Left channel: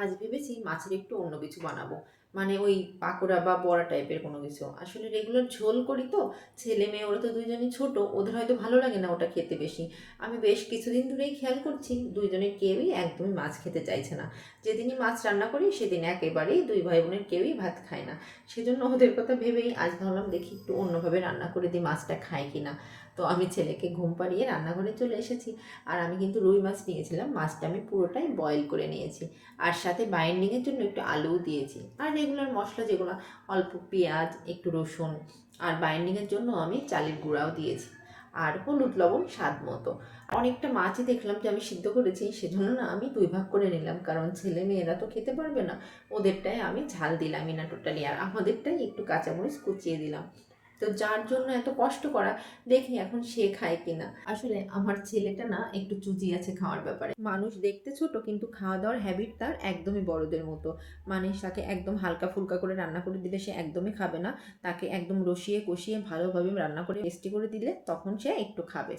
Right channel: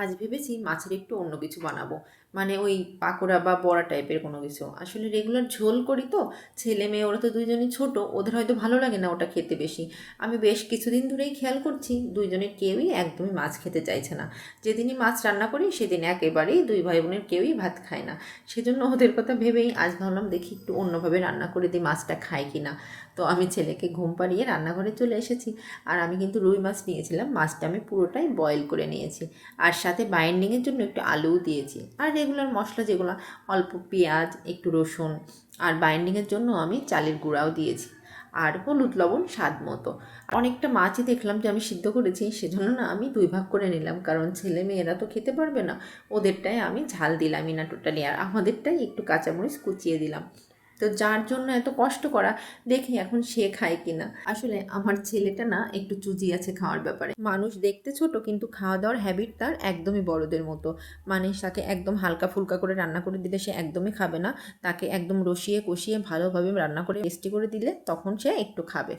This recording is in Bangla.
আজ ভেবেছি মাছের একটু অন্য কিছু বানাবো। মানে ওই পাকোড়া বা বড়া টাইপের কোনো কিছু। আসলে রেগুলার ঝোল করি তো, ছেলে মেয়ে ওরা তো দুইজনই ছোট, ওদের হয়তো ভালো লাগে না ওটা খেতে বেশি। আমি বেশ কিছুদিন ধরেই খেয়াল করছি দুইজনের কেউই একদমই মাছ খেতে চাইছে না। যেদিনই মাছ রান্না করি সেদিন একেবারেই দুই ভাই বোনের কেউই ভাত খায় না। সেজন্য ওদের কথা ভেবেই আজ ভাবলাম দেখি একটু অন্যভাবে রান্না করে দিই, মাছটা খায় কি না। তো আমি ছেলেকে ঘুম পাড়িয়ে রান্নাঘরে চলে এসেছি। আর আমি কিন্তু রুই মাছ নিয়েছিলাম, মাছটা আমি পুরোটাই বয়েল করে নিয়েছি। আর সাথে বাইন্ডিংয়ের জন্য একটু আলুও দিয়েছি, আর রেগুলার মশলা যেগুলো, অল্প পেঁয়াজ, একটু রসুন, আর বাইন্ডিংয়ের জন্য আমি চালের গুঁড়াও দিয়েছি, আর হলুদ লবণ স্বাদ মতো। অনেকটা মাছই দেখলাম যে আমি সিদ্ধ করেছি, সেজন্য না আমি দুই ভাগ করে নিলাম, কারণ ছেলে মেয়েরা তো খেতে পারবে না। ওদেরটাই আমি ঝাল দিলামই না টোটালি, আর আমাদেরটাই একটু কাঁচামরিচ কুচিয়ে দিলাম। তো যার জন্য এত কষ্ট করা, দেখি এখন সে খায় কিনা। আসলে আমার ছেলেটা না একটু চুজি আছে খাওয়ার ব্যাপারে। মানুষ দেখতে ছোট কিন্তু খাওয়া দাওয়ার হ্যাবিট তার একদমই বড়দের মতো। মানে তাকে একদম হালকা ফুলকা করে রান্না করে দিলে সে একদমই খাবে না। তাকে একদম রসিয়ে কষিয়ে ভালোভাবে রান্না করে টেস্টি করে দিলে তখন সে একটু খাবে।